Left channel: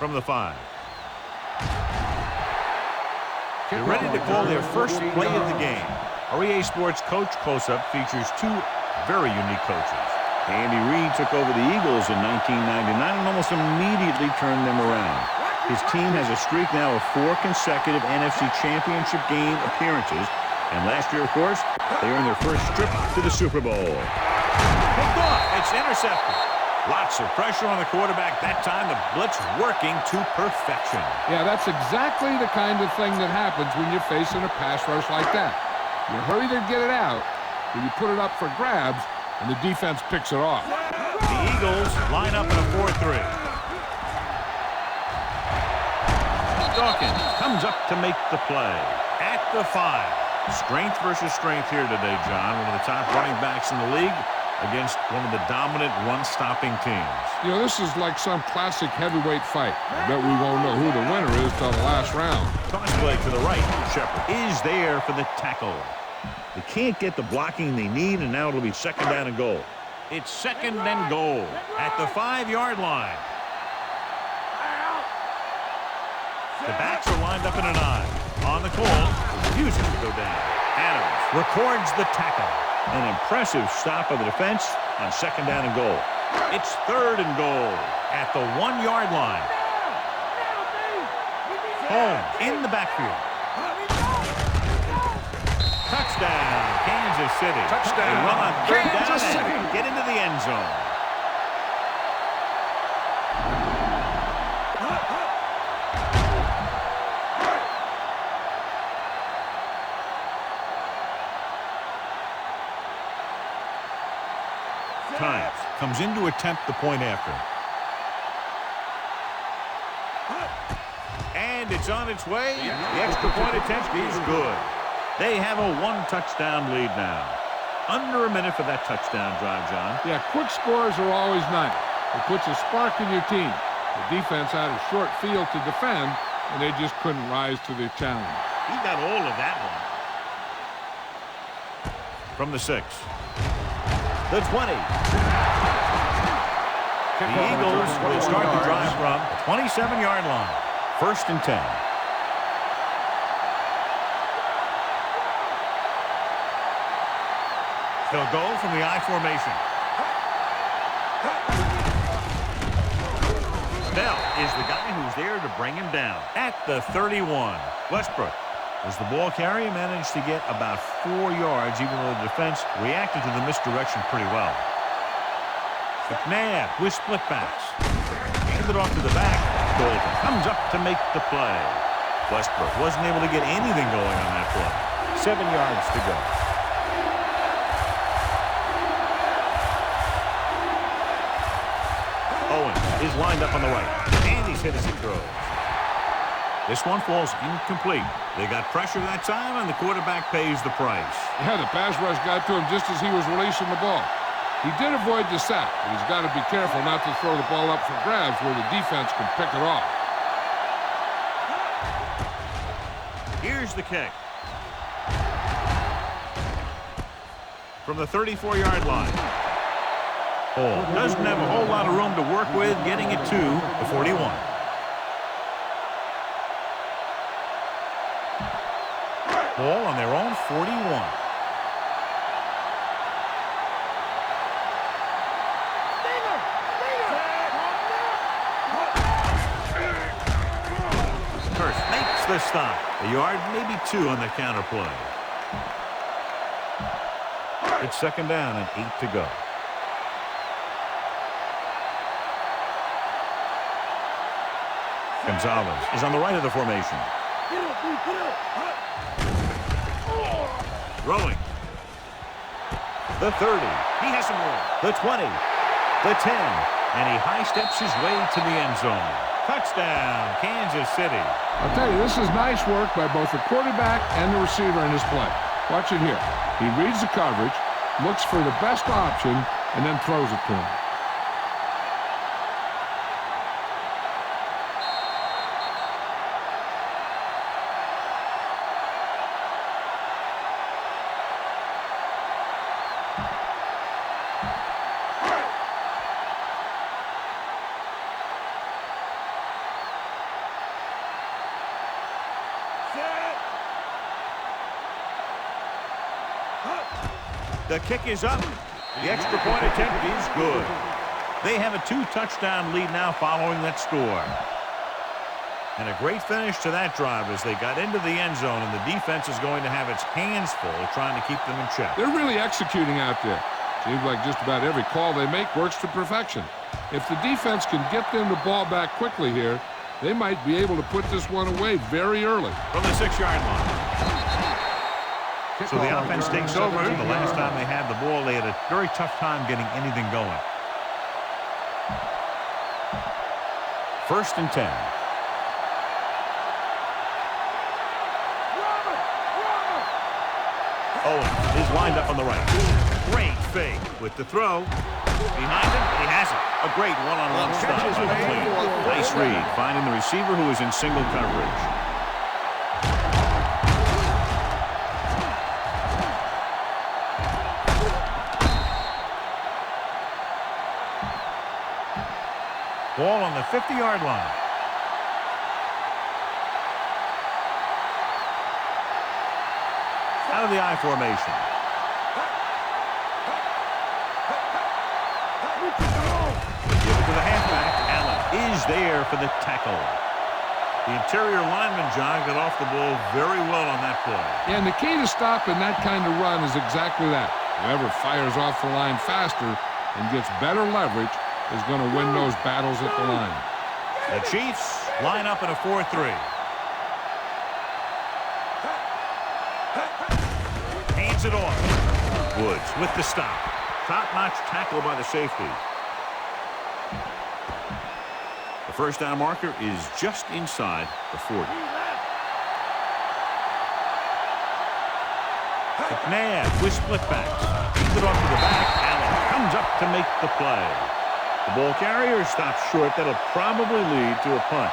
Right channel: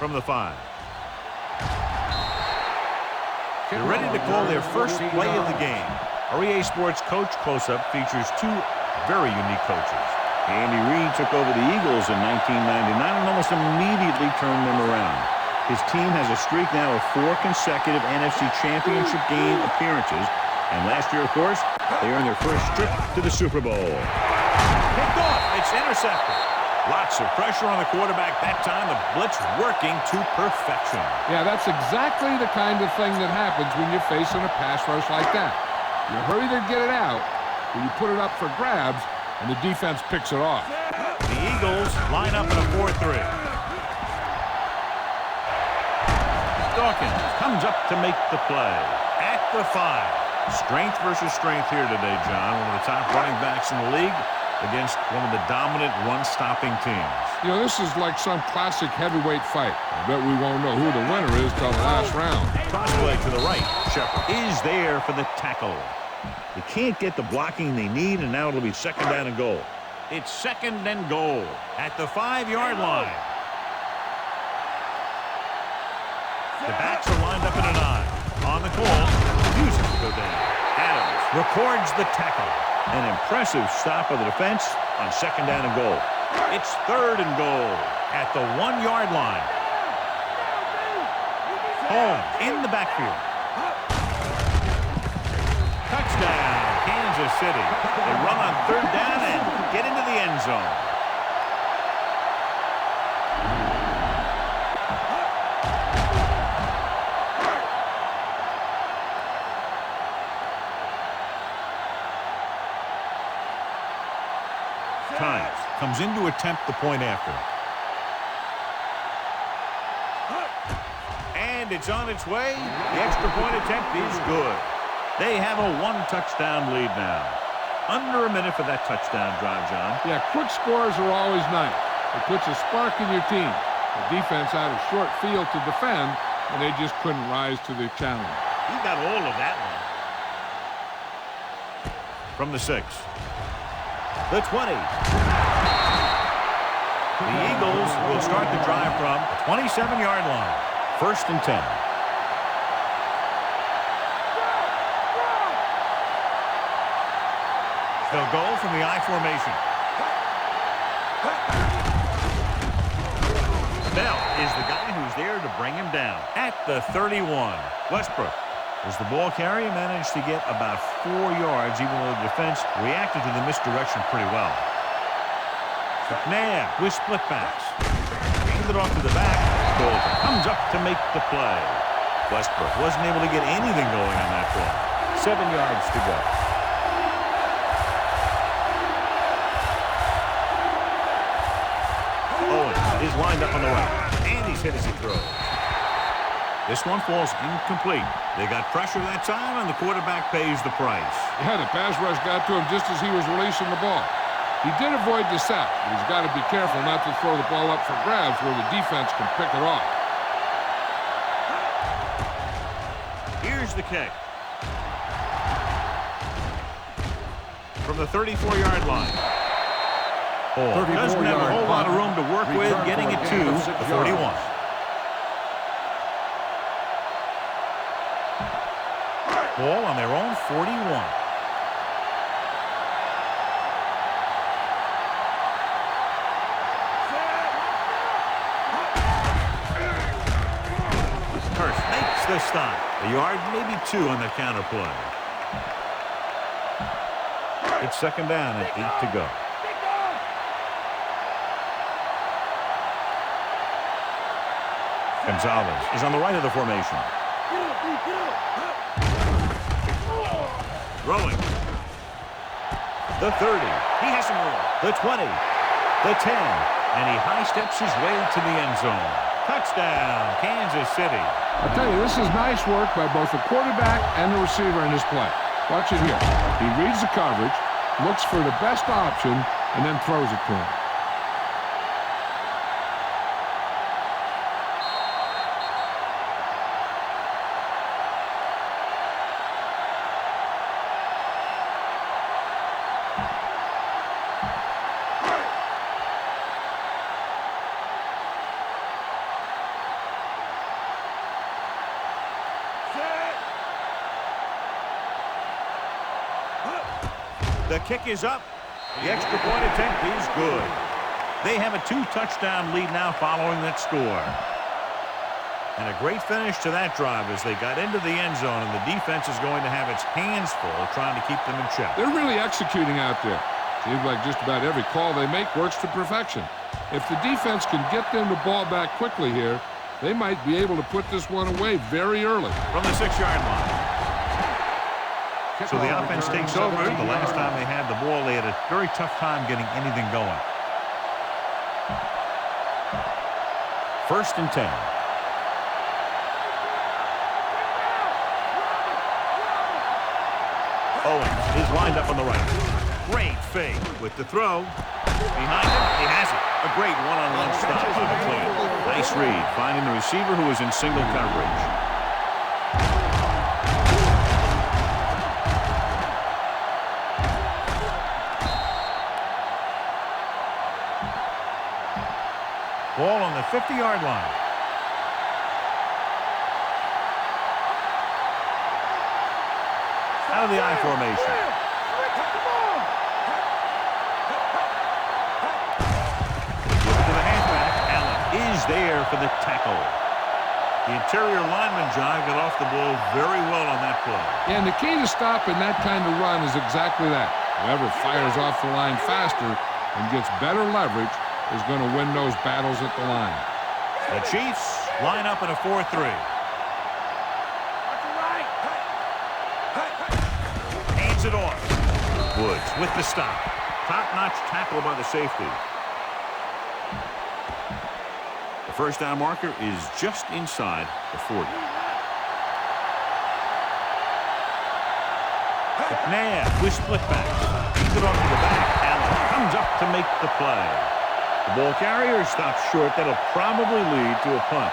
from the 5. They're ready to call their first play of the game. Our EA Sports Coach Close-Up features 2 very unique coaches. Andy Reid took over the Eagles in 1999 and almost immediately turned them around. His team has a streak now of 4 consecutive NFC Championship game appearances. And last year, of course, they earned their first trip to the Super Bowl. Picked off. It's intercepted. Lots of pressure on the quarterback that time. The blitz working to perfection. Yeah, that's exactly the kind of thing that happens when you're facing a pass rush like that. You hurry to get it out, or you put it up for grabs, and the defense picks it off. The Eagles line up in a 4-3. Dawkins comes up to make the play at the 5. Strength versus strength here today, John. One of the top running backs in the league against one of the dominant run-stopping teams. You know, this is like some classic heavyweight fight. I bet we won't know who the winner is till the last round. Cross play to the right. Shepard is there for the tackle. They can't get the blocking they need, and now it'll be 2nd down and goal. It's 2nd and goal at the 5-yard line. The backs are lined up in an I. On the call, refusing to go down. Adams records the tackle. An impressive stop of the defense on 2nd down and goal. It's 3rd and goal at the 1-yard line. Holmes in the backfield. Touchdown, Kansas City. Touchdown. They run on 3rd down and get into the end zone. Times comes in to attempt the point after. And it's on its way. The extra point attempt is good. They have a 1-touchdown lead now. Under a minute for that touchdown drive, John. Yeah, quick scores are always nice. It puts a spark in your team. The defense had a short field to defend, and they just couldn't rise to the challenge. He got all of that one. From the 6. The 20. The Eagles will start the drive from the 27-yard line. 1st and 10. They'll go from the I formation. Bell is the guy who's there to bring him down at the 31. Westbrook was the ball carrier, managed to get about 4 yards, even though the defense reacted to the misdirection pretty well. McNabb with split backs. Handed off to the back. Golden comes up to make the play. Westbrook wasn't able to get anything going on that play. 7 yards to go. Owens is lined up on the right, and he's hit as he throws. This one falls incomplete. They got pressure that time, and the quarterback pays the price. Yeah, the pass rush got to him just as he was releasing the ball. He did avoid the sack, but he's got to be careful not to throw the ball up for grabs where the defense can pick it off. Here's the kick. From the 34-yard line. Hall doesn't have a whole lot of room to work with, getting it to the 41. Ball on their own 41. Hurst makes the stop. A yard, maybe 2 on the counter play. It's 2nd down and 8 to go. Gonzalez is on the right of the formation. Throwing. The 30. He has some room. The 20. The 10. And he high steps his way to the end zone. Touchdown, Kansas City. I'll tell you, this is nice work by both the quarterback and the receiver in this play. Watch it here. He reads the coverage, looks for the best option, and then throws it to him. The kick is up. The extra point attempt is good. They have a 2-touchdown lead now following that score. And a great finish to that drive as they got into the end zone, and the defense is going to have its hands full trying to keep them in check. They're really executing out there. Seems like just about every call they make works to perfection. If the defense can get them the ball back quickly here, they might be able to put this one away very early. From the 6-yard line. So the offense takes over. The last time they had the ball, they had a very tough time getting anything going. 1st and 10. Owens is lined up on the right. Great fake with the throw. Behind him, he has it. A great one-on-one stop by McLean. Nice read, finding the receiver who is in single coverage. Ball on the 50-yard line. Out of the I formation. Give it to the halfback. Allen is there for the tackle. The interior lineman, John, got off the ball very well on that play. Yeah, and the key to stopping that kind of run is exactly that. Whoever fires off the line faster and gets better leverage is going to win those battles at the line. The Chiefs line up in a 4-3. Hands it off. Woods with the stop. Top-notch tackle by the safety. The first down marker is just inside the 40. McNabb with split backs. Keeps it off to the back. Allen comes up to make the play. The ball carrier stops short. That'll probably lead to a punt.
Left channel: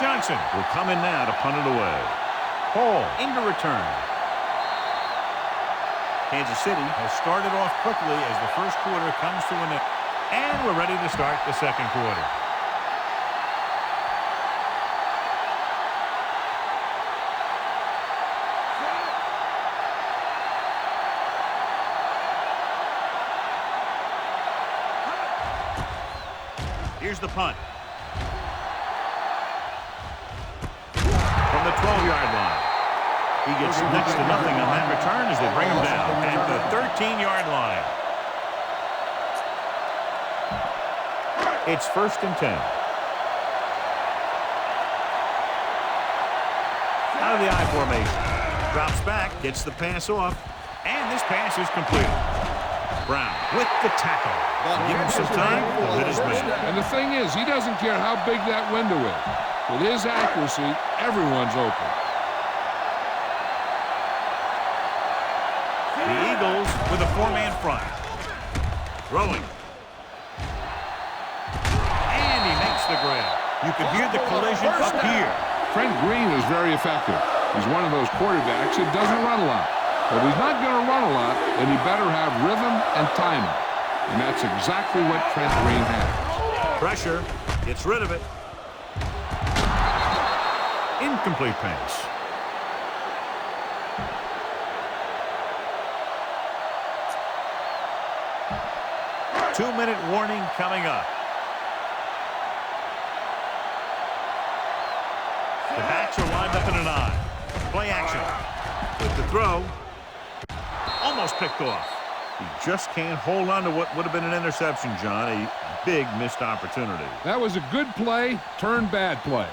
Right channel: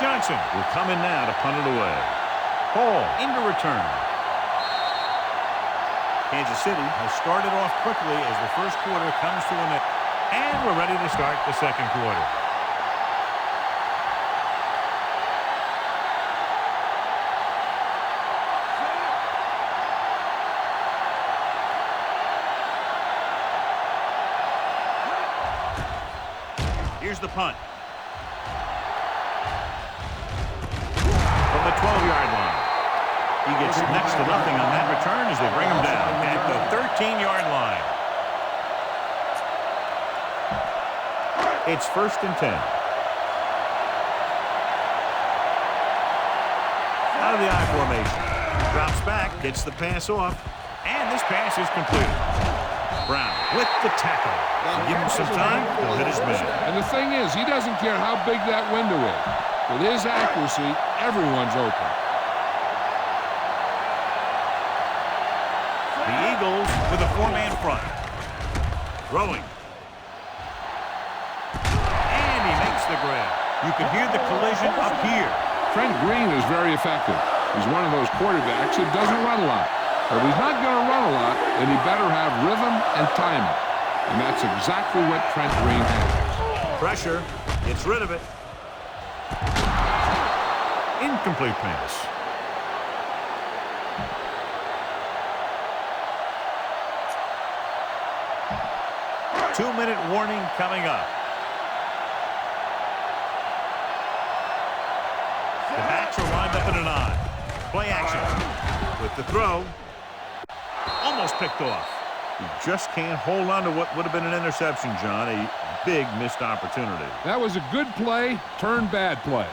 Johnson will come in now to punt it away. Hall into return. Kansas City has started off quickly as the first quarter comes to an end. And we're ready to start the second quarter. Here's the punt. From the 12-yard line. He gets next to nothing on that return as they bring him down at the 13-yard line. It's 1st and 10. Out of the I formation. Drops back, gets the pass off, and this pass is completed. Brown with the tackle. Give him some time, he'll hit his man. And the thing is, he doesn't care how big that window is. With his accuracy, everyone's open. The Eagles with a 4-man front. Throwing. And he makes the grab. You can hear the collision up here. Trent Green is very effective. He's one of those quarterbacks that doesn't run a lot. But if he's not going to run a lot, then he better have rhythm and timing. And that's exactly what Trent Green has. Pressure. Gets rid of it. Incomplete pass. Two-minute warning coming up. The backs are lined up in an I. Play action. With the throw. Almost picked off. He just can't hold on to what would have been an interception, John. A big missed opportunity. That was a good play, turned bad play.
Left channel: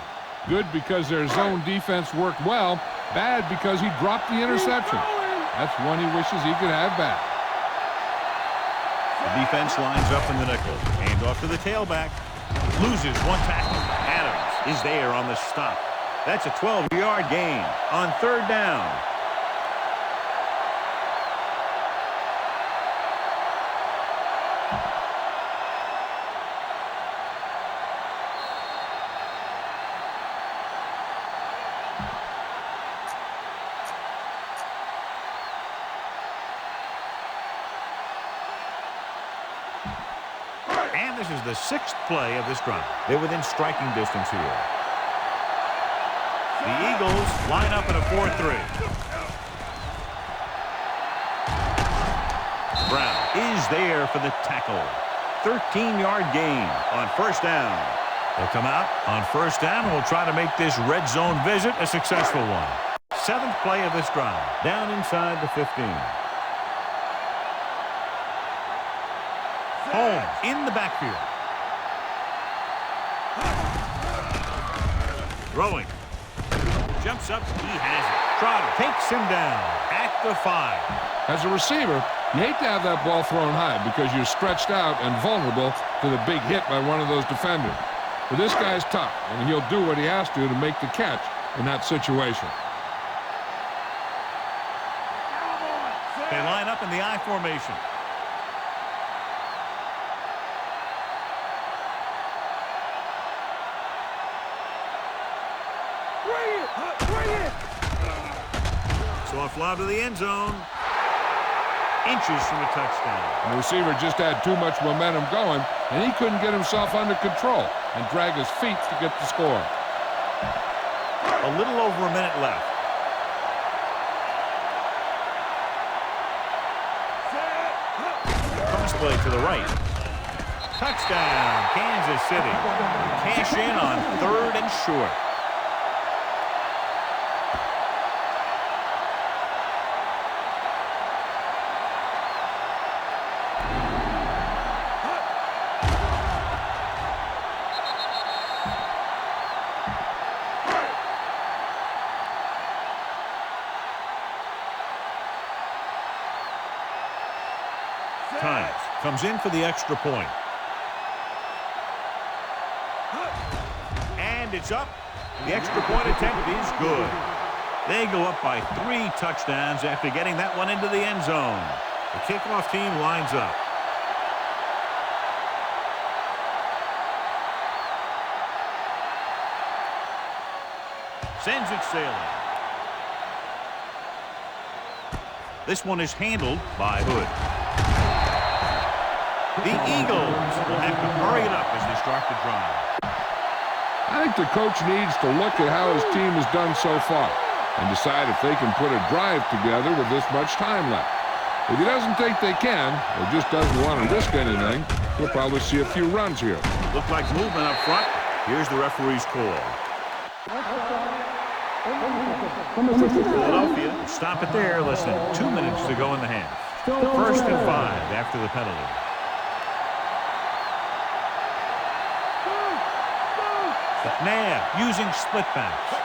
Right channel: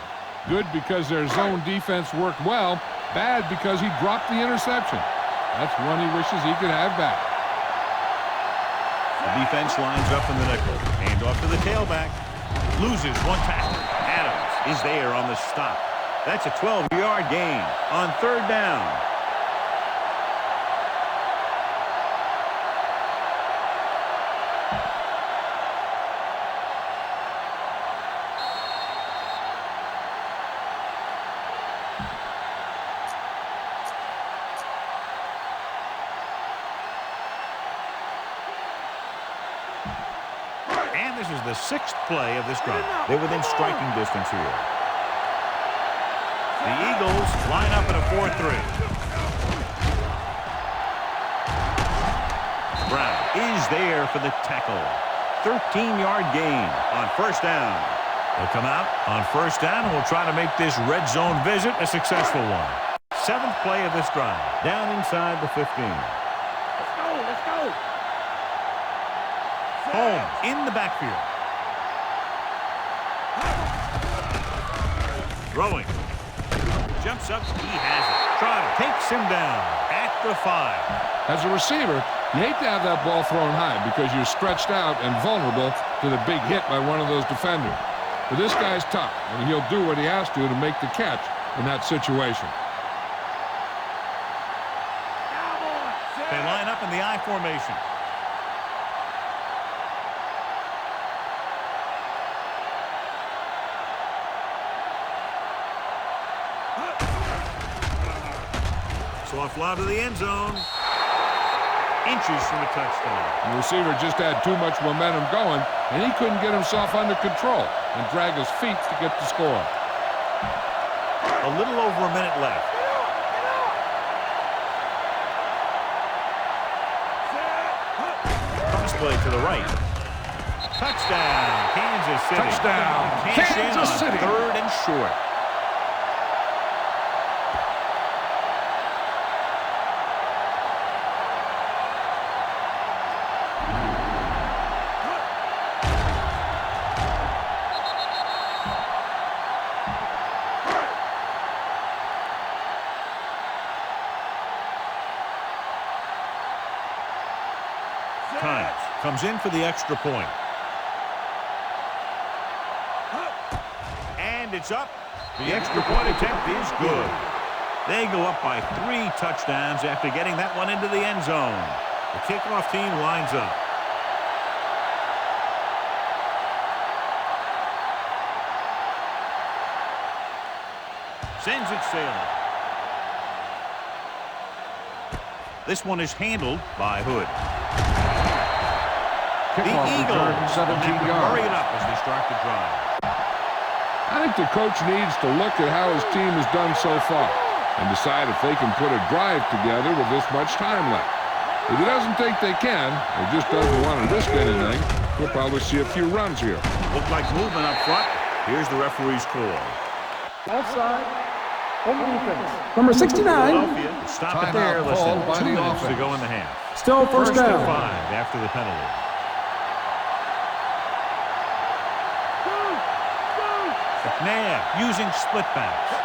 Good because their zone defense worked well. Bad because he dropped the interception. That's one he wishes he could have back. The defense lines up in the nickel. Hand off to the tailback. Loses one tackle. Adams is there on the stop. That's a 12-yard gain on 3rd down. And this is the 6th play of this drive. They're within striking distance here. The Eagles line up in a 4-3. Brown is there for the tackle. 13-yard gain on first down. They'll come out on first down and will try to make this red zone visit a successful one. 7th play of this drive. Down inside the 15. Holmes in the backfield. Throwing. Jumps up. He has it. Trotter takes him down at the 5. As a receiver, you hate to have that ball thrown high because you're stretched out and vulnerable to the big hit by one of those defenders. But this guy's tough, and he'll do what he has to make the catch in that situation. They line up in the I formation. So a fly to the end zone. Inches from a touchdown. And the receiver just had too much momentum going, and he couldn't get himself under control and drag his feet to get the score. A little over a minute left. Cross play to the right. Touchdown, Kansas City. Touchdown, Cash in Kansas on City. 3rd and short. Times comes in for the extra point. And it's up. The extra point attempt is good. They go up by 3 touchdowns after getting that one into the end zone. The kickoff team lines up. Sends it sailing. This one is handled by Hood. The Eagles will have to hurry it up as they start the drive. I think the coach needs to look at how his team has done so far and decide if they can put a drive together with this much time left. If he doesn't think they can, or just doesn't want to risk anything, we'll probably see a few runs here. Looked like movement up front. Here's the referee's call. Number 69. Philadelphia, stop it there. Less than 2 minutes to go in the half. Still First down. and 5 after the penalty. McNabb using split backs.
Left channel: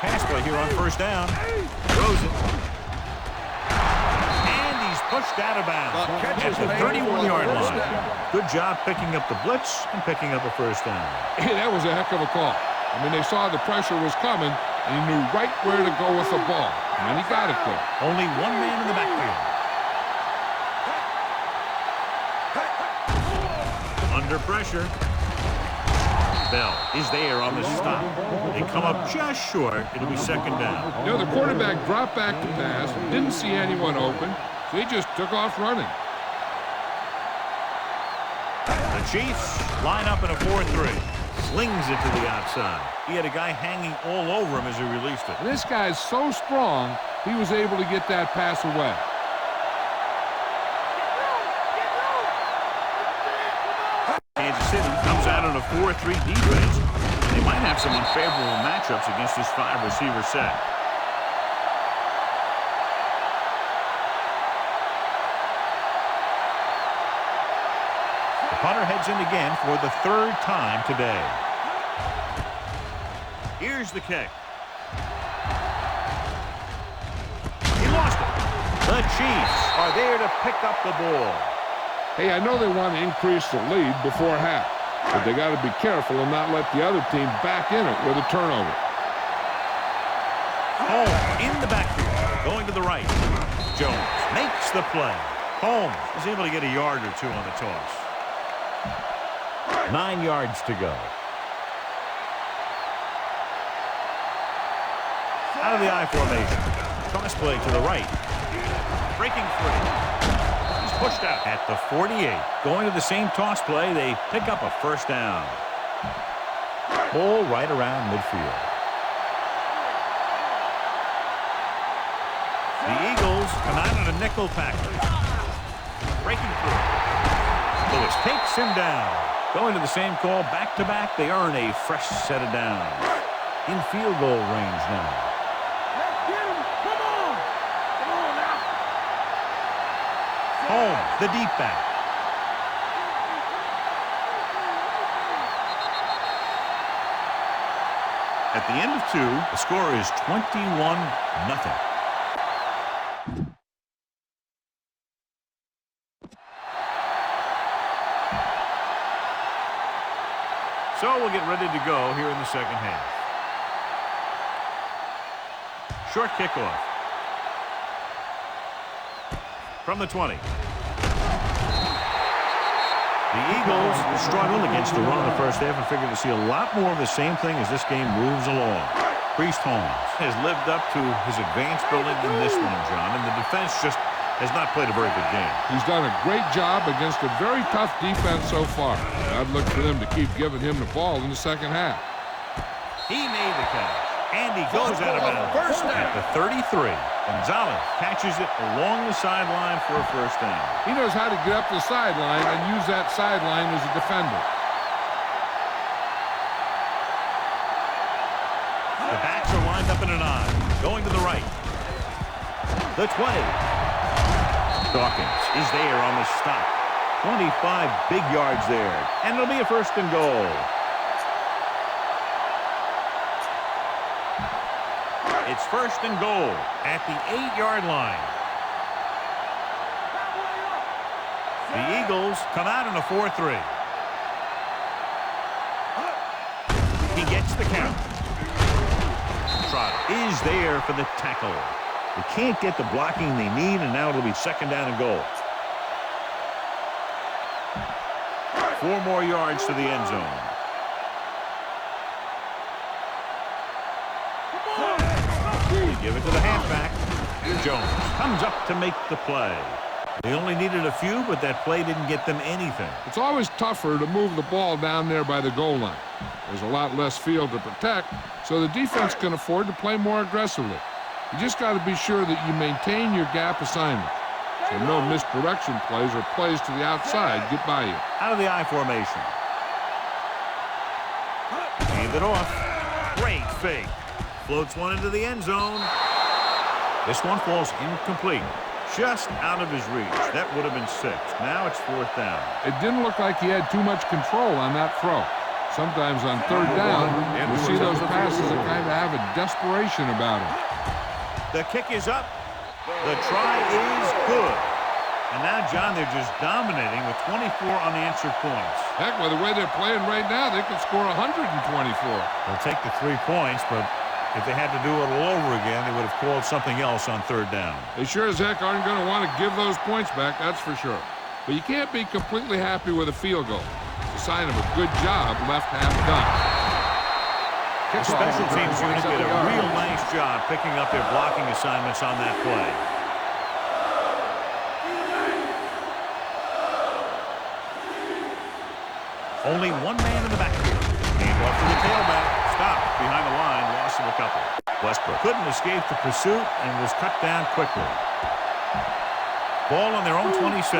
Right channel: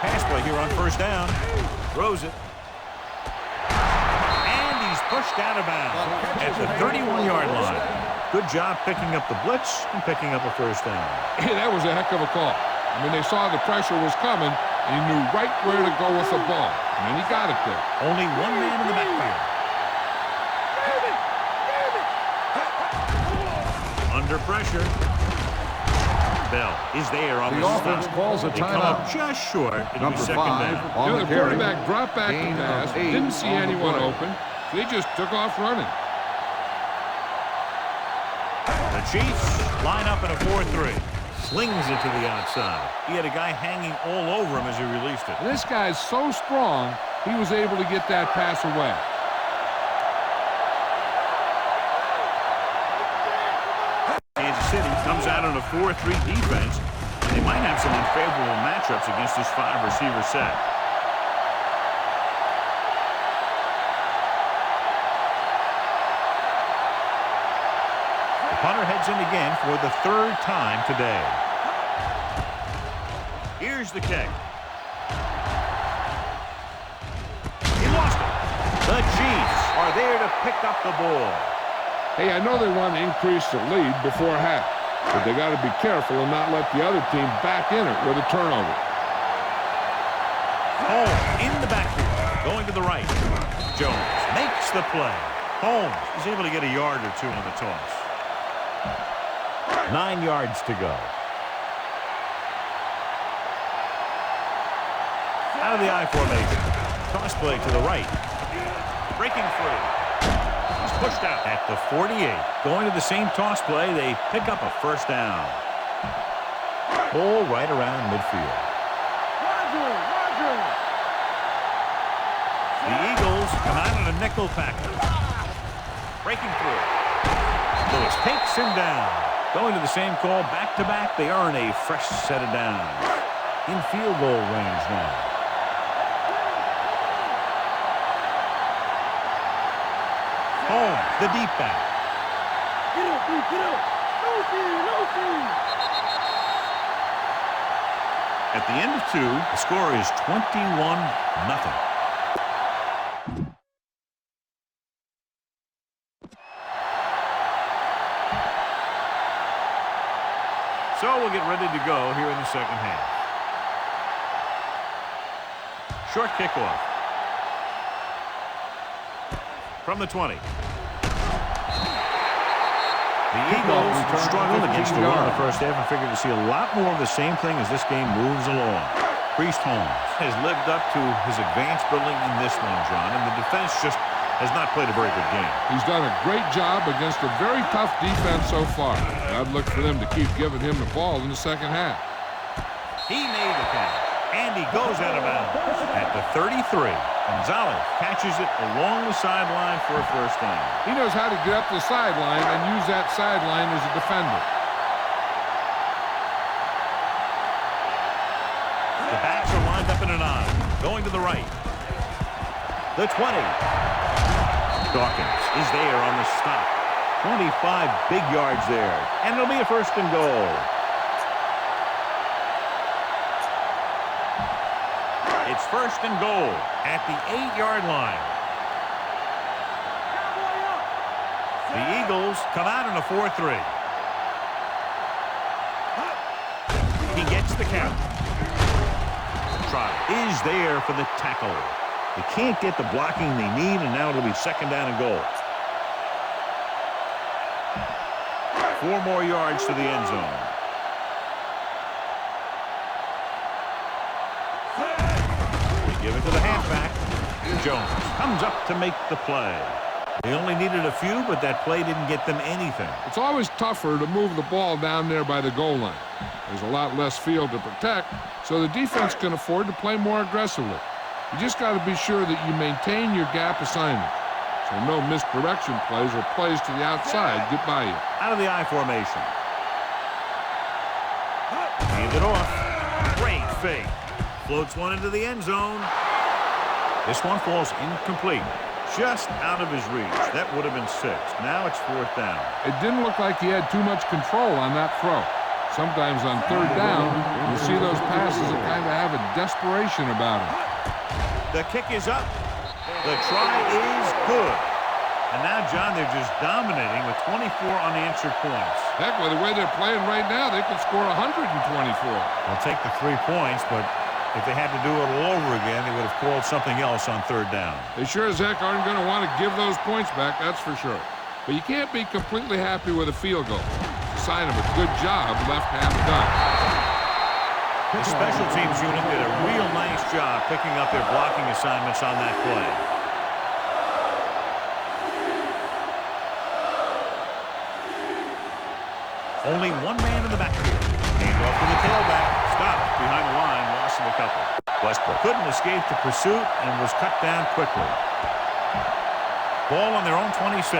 Pass play here on first down. Throws it. And he's pushed out of bounds at the 31-yard line. Good job picking up the blitz and picking up a first down. Hey, that was a heck of a call. I mean, they saw the pressure was coming, and he knew right where to go with the ball. And then he got it there. Only one man in the backfield. Under pressure. Bell is there on the stop. They come up just short. It'll be second down. You know, the quarterback dropped back to pass, didn't see anyone open, so he just took off running. The Chiefs line up in a 4-3. Slings it to the outside. He had a guy hanging all over him as he released it. And this guy's so strong, he was able to get that pass away. Kansas City comes out in a 4-3 defense, and they might have some unfavorable matchups against this 5-receiver set. The punter heads in again for the 3rd time today. Here's the kick. He lost it. The Chiefs are there to pick up the ball. Hey, I know they want to increase the lead before half, but they got to be careful and not let the other team back in it with a turnover. Holmes in the backfield, going to the right. Jones makes the play. Holmes is able to get a yard or 2 on the toss. 9 yards to go. Out of the I formation. Toss play to the right. Breaking free. He's pushed out at the 48. Going to the same toss play, they pick up a first down. Ball right around midfield. The Eagles come out in a nickel package. Breaking through. Lewis takes him down. Going to the same call back-to-back, they earn a fresh set of downs. In field goal range now. Holmes, the deep back. At the end of 2, the score is 21-0. So we'll get ready to go here in the second half. Short kickoff. From the 20. The Eagles struggled against the run in the first half and figured to see a lot more of the same thing as this game moves along. Priest Holmes has lived up to his advanced building in this one, John, and the defense just has not played a very good game. He's done a great job against a very tough defense so far. I'd look for them to keep giving him the ball in the second half. He made the catch, and he goes out of bounds at the 33. Gonzalez catches it along the sideline for a first down. He knows how to get up the sideline and use that sideline as a defender. The backs are lined up in an I. Going to the right. The 20. Dawkins is there on the stop. 25 big yards there. And it'll be a first and goal. It's first and goal at the 8-yard line. The Eagles come out in a 4-3. He gets the count. Trotter is there for the tackle. They can't get the blocking they need, and now it'll be second down and goal. 4 more yards to the end zone. They give it to the halfback. Jones comes up to make the play. They only needed a few, but that play didn't get them anything. It's always tougher to move the ball down there by the goal line. There's a lot less field to protect, so the defense can afford to play more aggressively. You just got to be sure that you maintain your gap assignment, so no misdirection plays or plays to the outside get by you. Out of the I formation. Hand it off. Great fake. Floats one into the end zone. This one falls incomplete. Just out of his reach. That would have been 6. Now it's 4th down. It didn't look like he had too much control on that throw. Sometimes on 3rd down, you see those passes that kind of have a desperation about them. The kick is up. The try is good. And now, John, they're just dominating with 24 unanswered points. Heck, with the way they're playing right now, they could score 124. They'll take the 3 points, but if they had to do it all over again, they would have called something else on 3rd down. They sure as heck aren't going to want to give those points back, that's for sure. But you can't be completely happy with a field goal. It's a sign of a good job left half done. The special teams unit did a real nice job picking up their blocking assignments on that play. Only one man in the backfield. Hand off to the tailback. Stopped behind the line. Loss of a couple. Westbrook couldn't escape the pursuit and was cut down quickly. Ball on their own 26.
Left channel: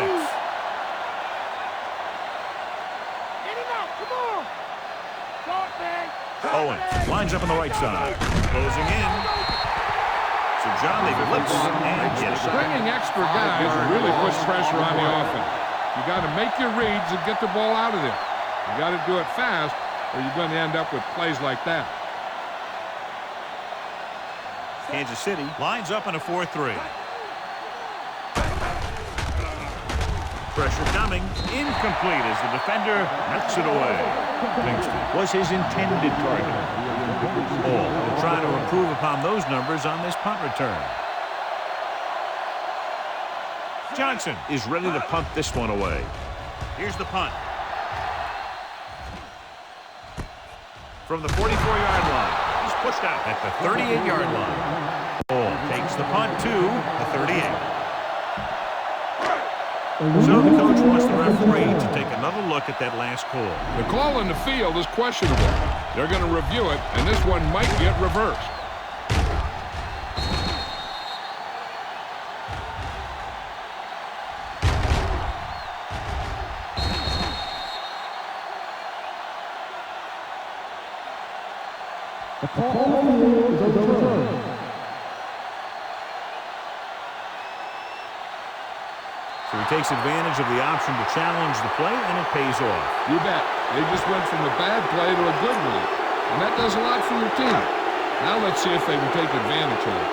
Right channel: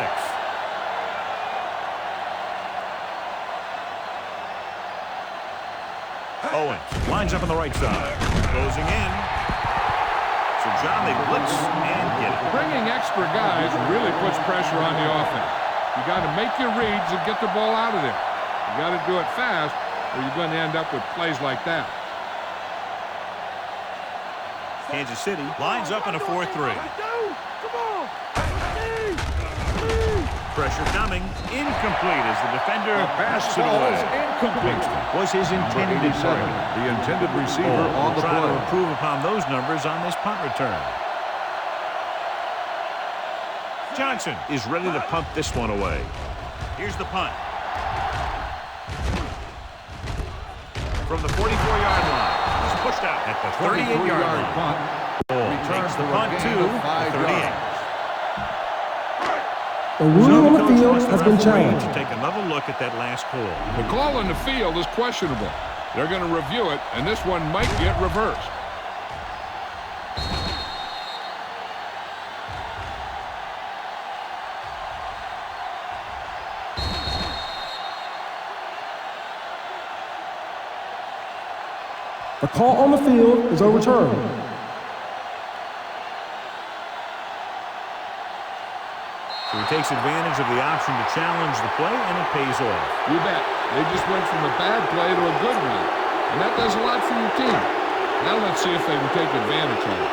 Owens lines up on the right side. Closing in. So, John, they blitz and get it. Bringing extra guys really puts pressure on the offense. You got to make your reads and get the ball out of there. You got to do it fast, or you're going to end up with plays like that. Kansas City lines up in a 4-3. Pressure coming. Incomplete as the defender knocks it away. Bingston was his intended target. The intended receiver will try to improve upon those numbers on this punt return. Johnson is ready to punt this one away. Here's the punt. From the 44-yard line. He's pushed out at the 38-yard line. Ball takes the punt to the 38. The rule So on the the coach field wants the has been referee changed. to take another look at that last call. The call on the field is questionable. They're going to review it, and this one might get reversed. The call on the field is overturned. So he takes advantage of the option to challenge the play, and it pays off. You bet. They just went from a bad play to a good one, and that does a lot for your team. Now let's see if they can take advantage of it.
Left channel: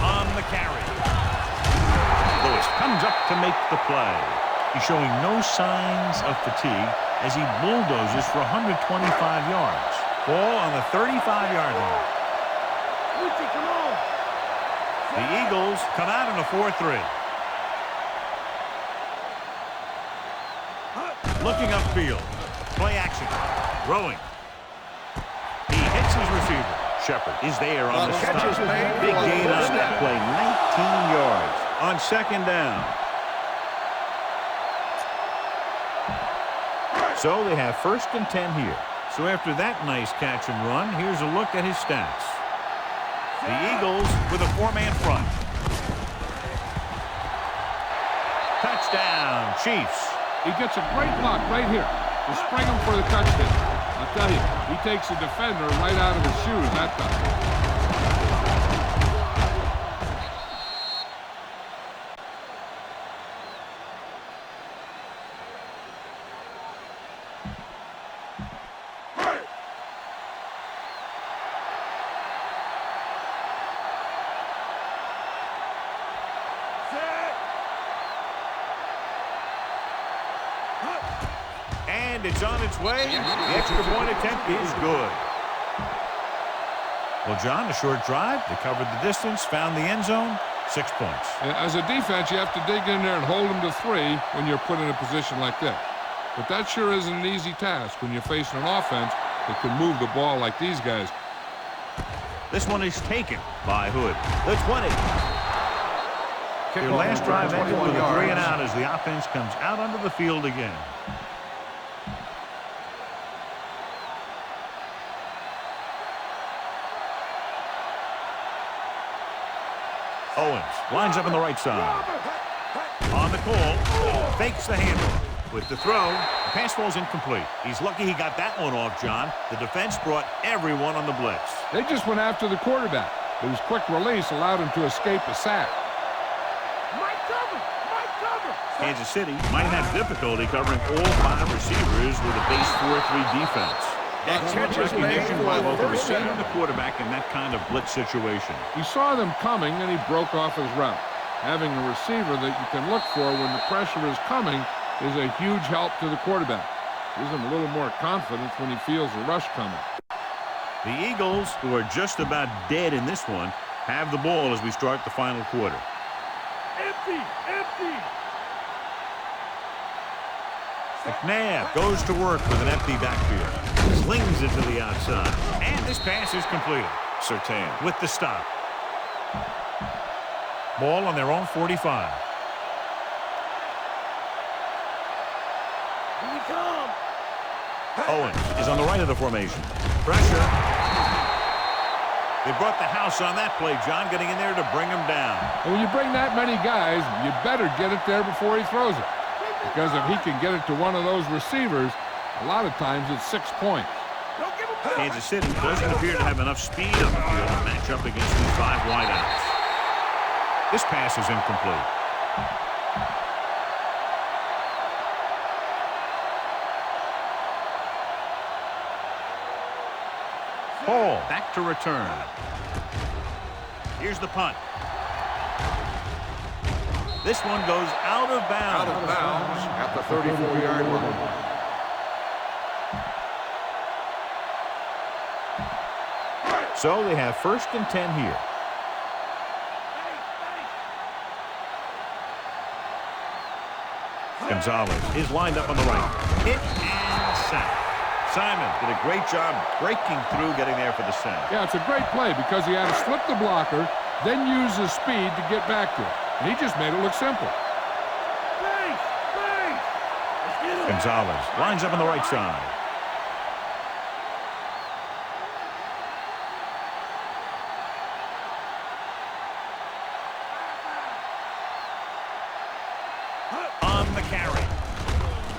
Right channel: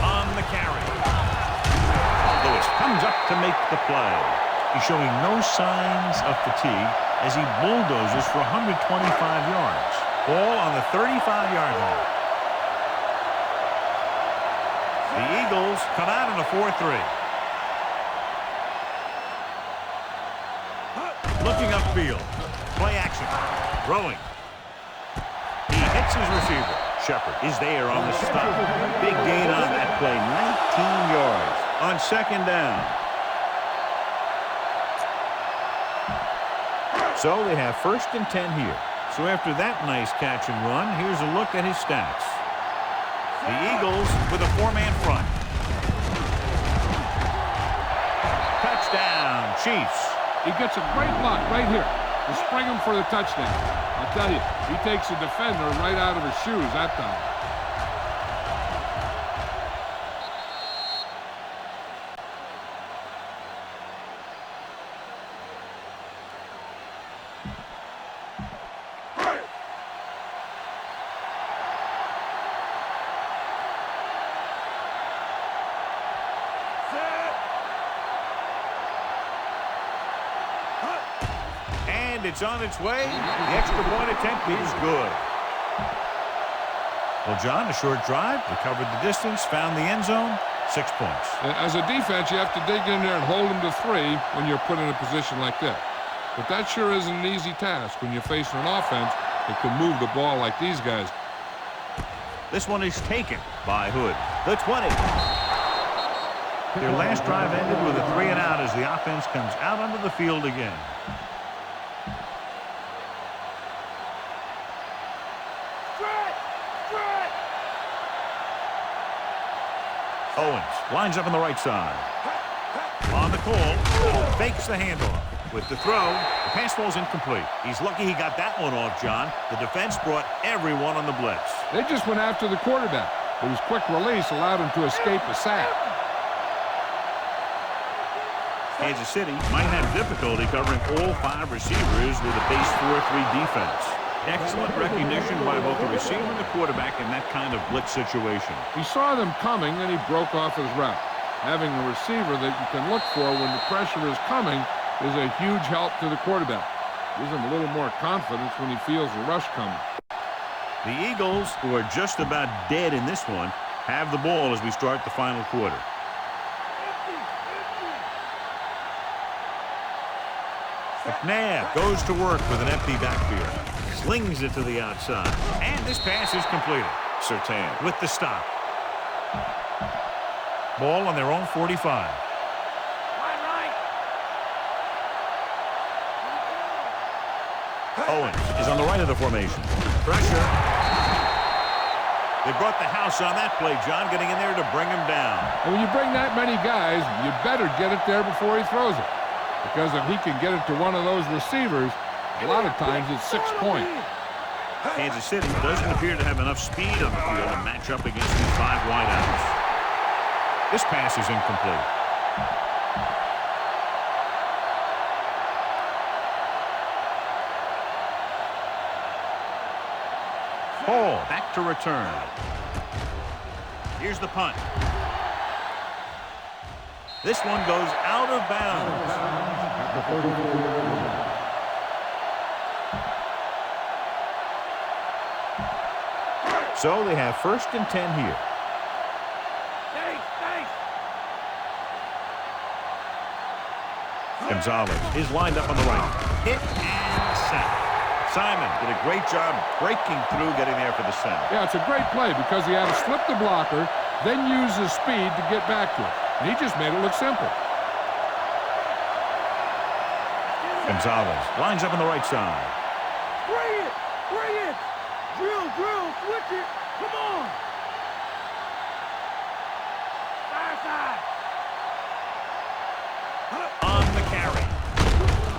On the carry. Lewis comes up to make the play. He's showing no signs of fatigue as he bulldozes for 125 yards. Ball on the 35-yard line. The Eagles come out in a 4-3. Looking upfield. Play action. Throwing. He hits his receiver. Shepard is there on the stop. Big gain on that play, 19 yards. On second down. So they have 1st and 10 here. So after that nice catch and run, here's a look at his stats. The Eagles with a 4-man front. Touchdown, Chiefs. He gets a great block right here to spring him for the touchdown. I'll tell you, he takes the defender right out of his shoes that time. And it's on its way. The extra point attempt is good. Well, John, a short drive. They covered the distance, found the end zone. 6 points. As a defense, you have to dig in there and hold them to 3 when you're put in a position like that. But that sure isn't an easy task when you're facing an offense that can move the ball like these guys. This one is taken by Hood. The 20. Their last drive ended with a 3-and-out as the offense comes out onto the field again. Owens lines up on the right side. On the call, fakes the handoff. With the throw, the pass ball's incomplete. He's lucky he got that one off, John. The defense brought everyone on the blitz. They just went after the quarterback, but his quick release allowed him to escape a sack. Kansas City might have difficulty covering all 5 receivers with a base 4-3 defense. Excellent recognition by both the receiver and the quarterback in that kind of blitz situation. He saw them coming, and he broke off his route. Having a receiver that you can look for when the pressure is coming is a huge help to the quarterback. Gives him a little more confidence when he feels the rush coming. The Eagles, who are just about dead in this one, have the ball as we start the final quarter. Empty! McNabb goes to work with an empty backfield. Slings it to the outside. And this pass is completed. Surtain with the stop. Ball on their own 45. Owens is on the right of the formation. Pressure. They brought the house on that play, John, getting in there to bring him down. And when you bring that many guys, you better get it there before he throws it. Because if he can get it to one of those receivers, a lot of times it's 6 points. Kansas City doesn't appear to have enough speed on the field to match up against these 5 wideouts. This pass is incomplete. Hall back to return. Here's the punt. This one goes out of bounds. At the 34-yard line. So they have 1st and 10 here. Gonzalez is lined up on the right. Hit and sack. Simon did a great job breaking through, getting there for the sack. Yeah, it's a great play because he had to slip the blocker, then use his speed to get back to it. And he just made it look simple. Gonzalez lines up on the right side. Drill, switch it. Come on. On the carry.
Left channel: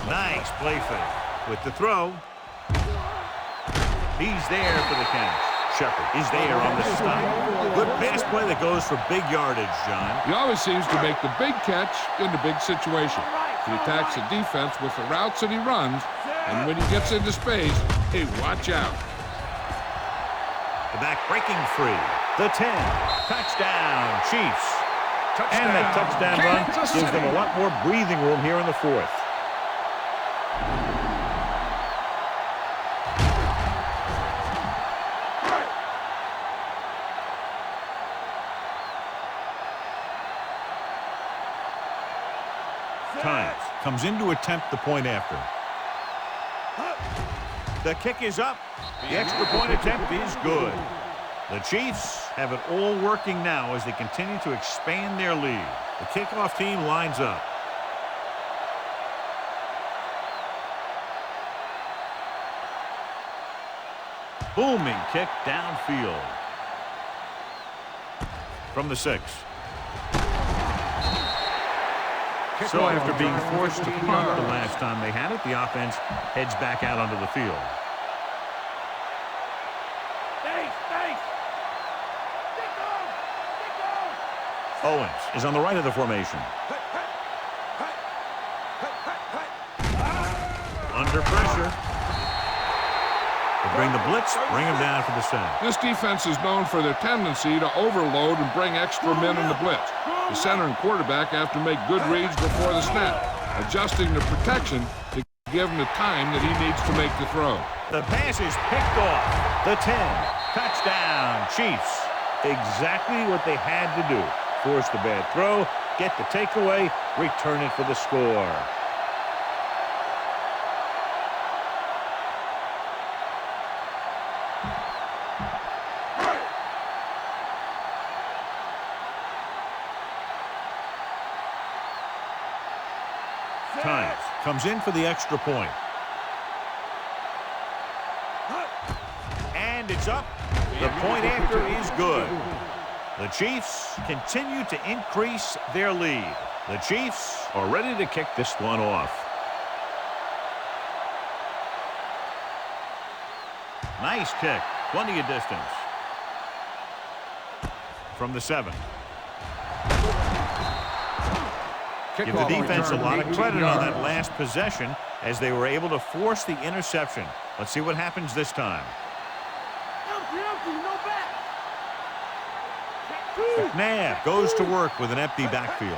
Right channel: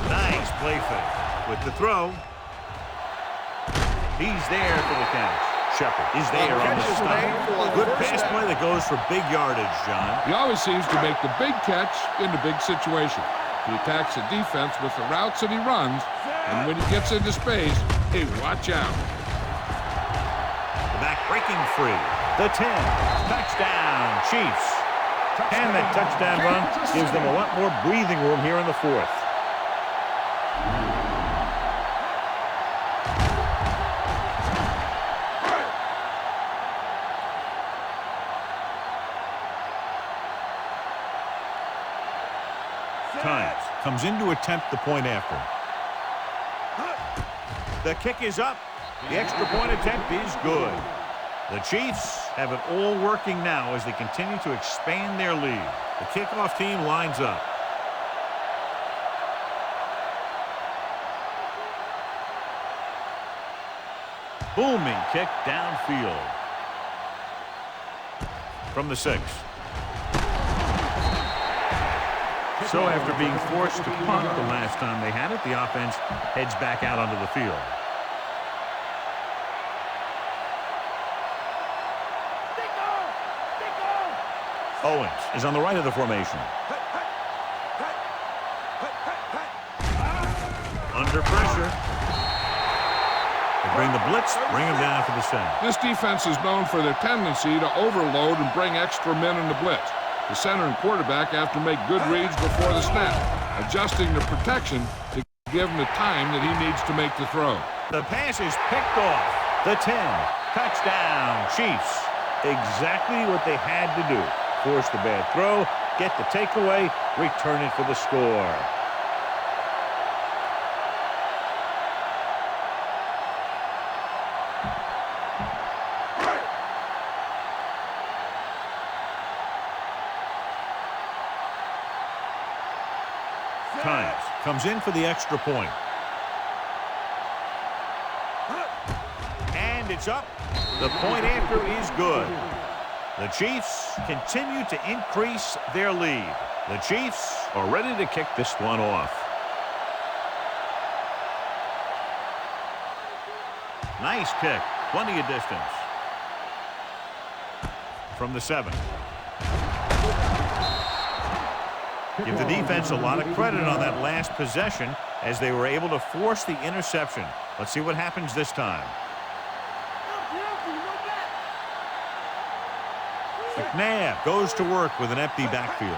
Nice play fake. With the throw. He's there for the catch. Shepard is there on the stop. A good pass play that goes for big yardage, John. He always seems to make the big catch in the big situation. He attacks the defense with the routes that he runs, and when he gets into space, hey, watch out. The back breaking free. The 10. Touchdown, Chiefs. And that touchdown run gives them a lot more breathing room here in the fourth. Times comes in to attempt the point after. The kick is up. The extra point attempt is good. The Chiefs have it all working now as they continue to expand their lead. The kickoff team lines up. Booming kick downfield. From the 6. So after being forced to punt the last time they had it, the offense heads back out onto the field. Owens is on the right of the formation. Under pressure. They bring the blitz, bring him down for the sack. This defense is known for their tendency to overload and bring extra men in the blitz. The center and quarterback have to make good reads before the snap, adjusting the protection to give him the time that he needs to make the throw. The pass is picked off. The 10. Touchdown, Chiefs. Exactly what they had to do. Force the bad throw, get the takeaway, return it for the score. Times comes in for the extra point. And it's up. The point after is good. The Chiefs continue to increase their lead. The Chiefs are ready to kick this one off. Nice kick. Plenty of distance. From the 7. Give the defense a lot of credit on that last possession as they were able to force the interception. Let's see what happens this time. McNabb goes to work with an empty backfield.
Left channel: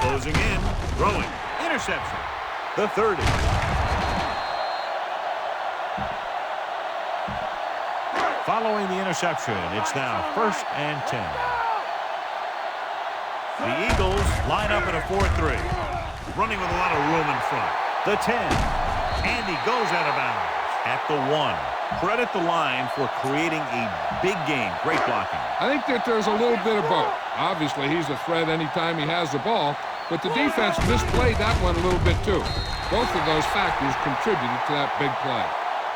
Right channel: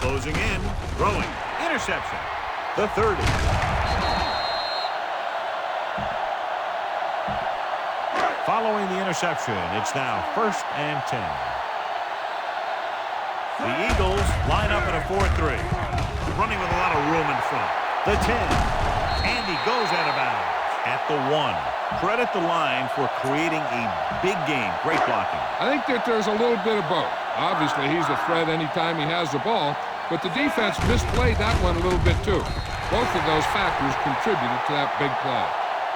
Closing in, throwing, interception. The 30. Following the interception, it's now 1st and 10. The Eagles line up in a 4-3, running with a lot of room in front. The 10, and he goes out of bounds at the 1. Credit the line for creating a big game. Great blocking. I think that there's a little bit of both. Obviously, he's a threat anytime he has the ball, but the defense misplayed that one a little bit too. Both of those factors contributed to that big play.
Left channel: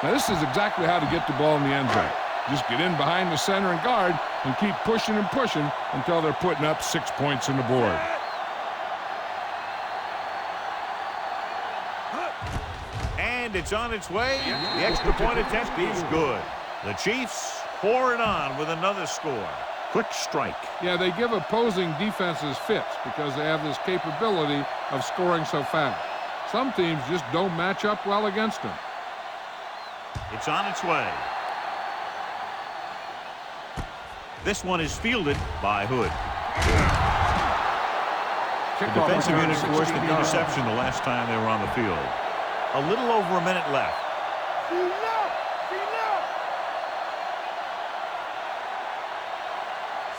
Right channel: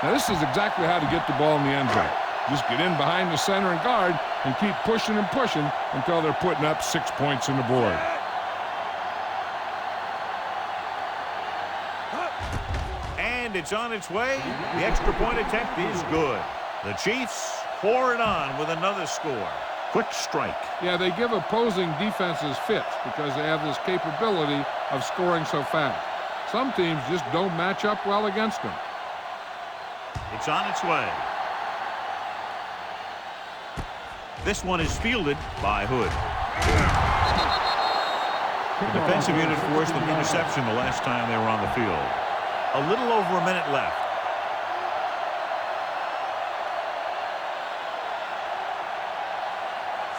Now, this is exactly how to get the ball in the end zone. Just get in behind the center and guard and keep pushing and pushing until they're putting up 6 points on the board. And it's on its way. The extra point attempt is good. The Chiefs pour it on with another score. Quick strike. Yeah, they give opposing defenses fits because they have this capability of scoring so fast. Some teams just don't match up well against them. It's on its way. This one is fielded by Hood. The defensive unit forced an interception the last time they were on the field. A little over a minute left.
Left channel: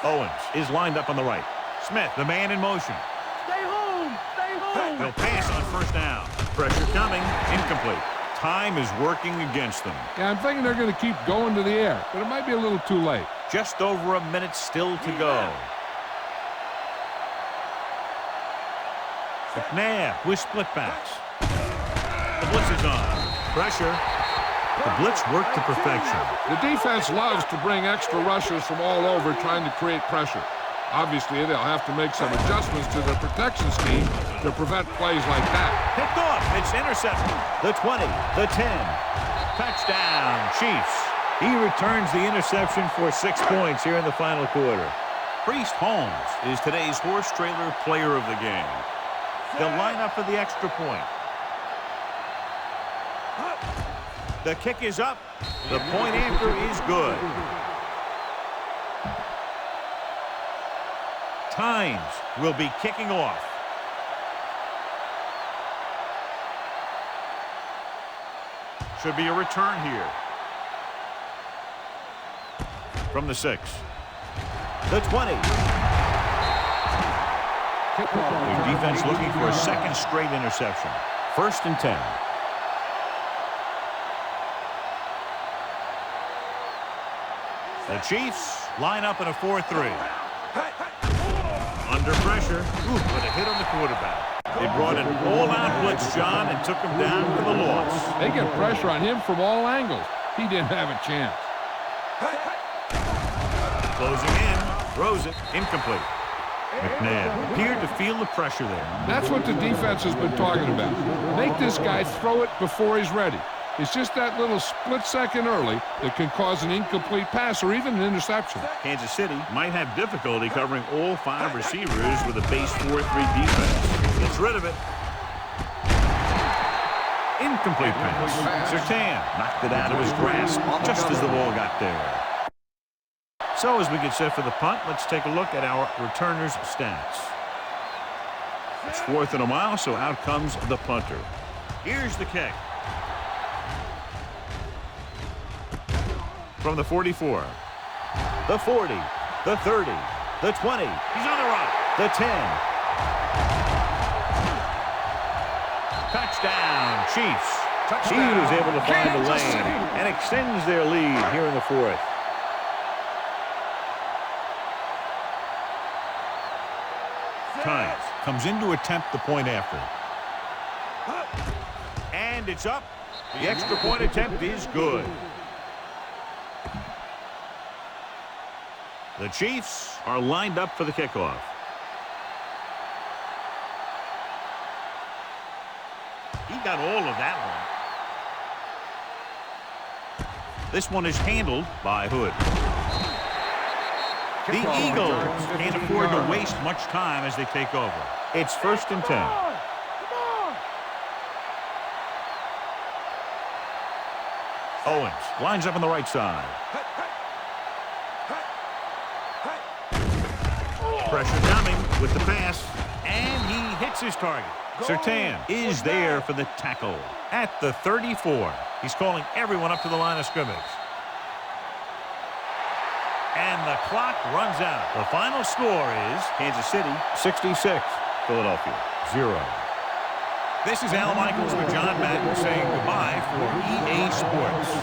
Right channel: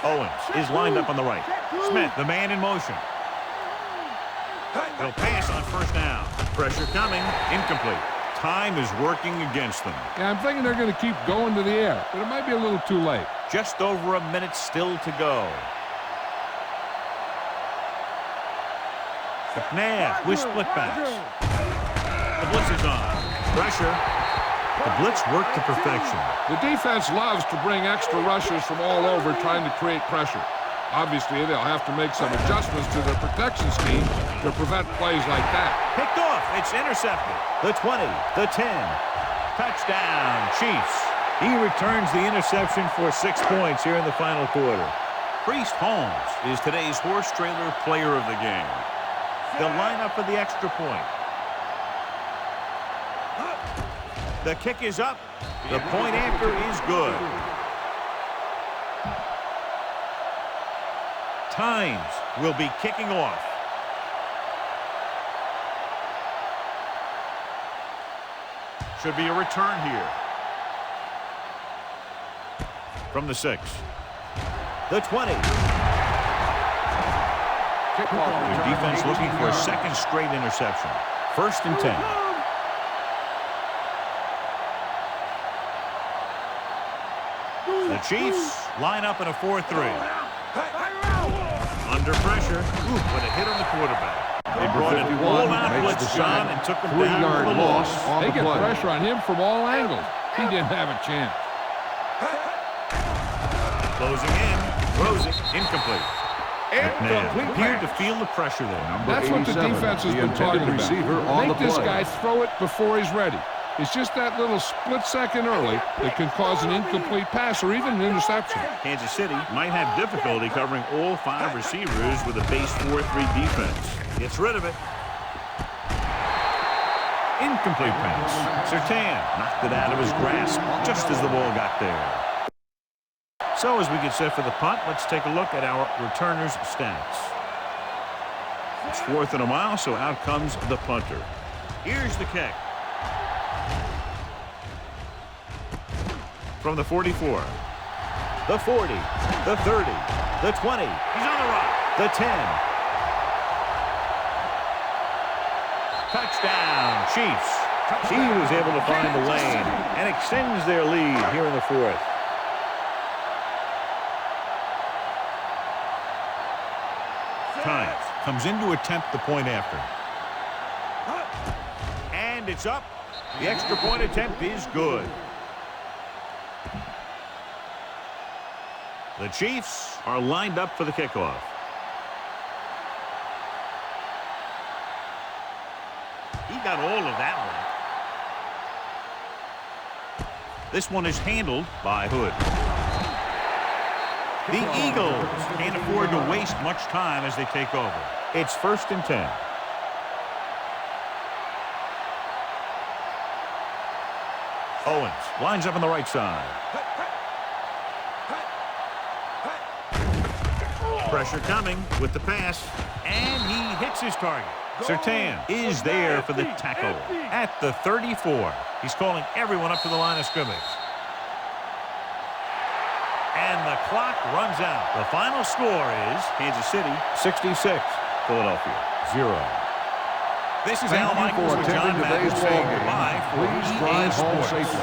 Owens is lined up on the right. Smith, the man in motion. They'll pass on first down. Pressure coming. Incomplete. Time is working against them. Yeah, I'm thinking they're going to keep going to the air, but it might be a little too late. Just over a minute still to go. McNabb with split backs. The blitz is on. Pressure. The blitz worked to perfection. The defense loves to bring extra rushers from all over trying to create pressure. Obviously, they'll have to make some adjustments to their protection scheme to prevent plays like that. Picked off. It's intercepted. The 20, the 10. Touchdown, Chiefs. He returns the interception for 6 points here in the final quarter. Priest Holmes is today's horse trailer player of the game. They'll line up for the extra point. The kick is up. The point after is good. Tynes will be kicking off. Should be a return here. From the 6. The 20. Their defense looking for a second straight interception. 1st and 10. The Chiefs line up in a 4-3. Under pressure. Ooh, but a hit on the quarterback. They brought an all-out blitz, John, and took him down for the loss. They get pressure on him from all angles. He didn't have a chance. Closing in. Throws it. Incomplete. McNabb appeared to feel the pressure there. That's what the defense has been talking about. Make this guy throw it before he's ready. It's just that little split second early that can cause an incomplete pass or even an interception. Kansas City might have difficulty covering all 5 receivers with a base 4-3 defense. Gets rid of it. Incomplete pass. Surtain knocked it out of his grasp just as the ball got there. So as we get set for the punt, let's take a look at our returners' stats. It's 4th and a mile, so out comes the punter. Here's the kick. From the 44. The 40. The 30. The 20. He's on the run. The 10. Touchdown, Chiefs. He was able to find the lane and extends their lead here in the 4th. Tynes comes in to attempt the point after. And it's up. The extra point attempt is good. The Chiefs are lined up for the kickoff. He got all of that one. This one is handled by Hood. The Eagles can't afford to waste much time as they take over. It's 1st and 10. Owens lines up on the right side. Pressure coming with the pass, and he hits his target. Surtain is there for the tackle at the 34. He's calling everyone up to the line of scrimmage. And the clock runs out. The final score is Kansas City 66, Philadelphia 0. This is Al Michaels with John Madden saying goodbye for EA Sports.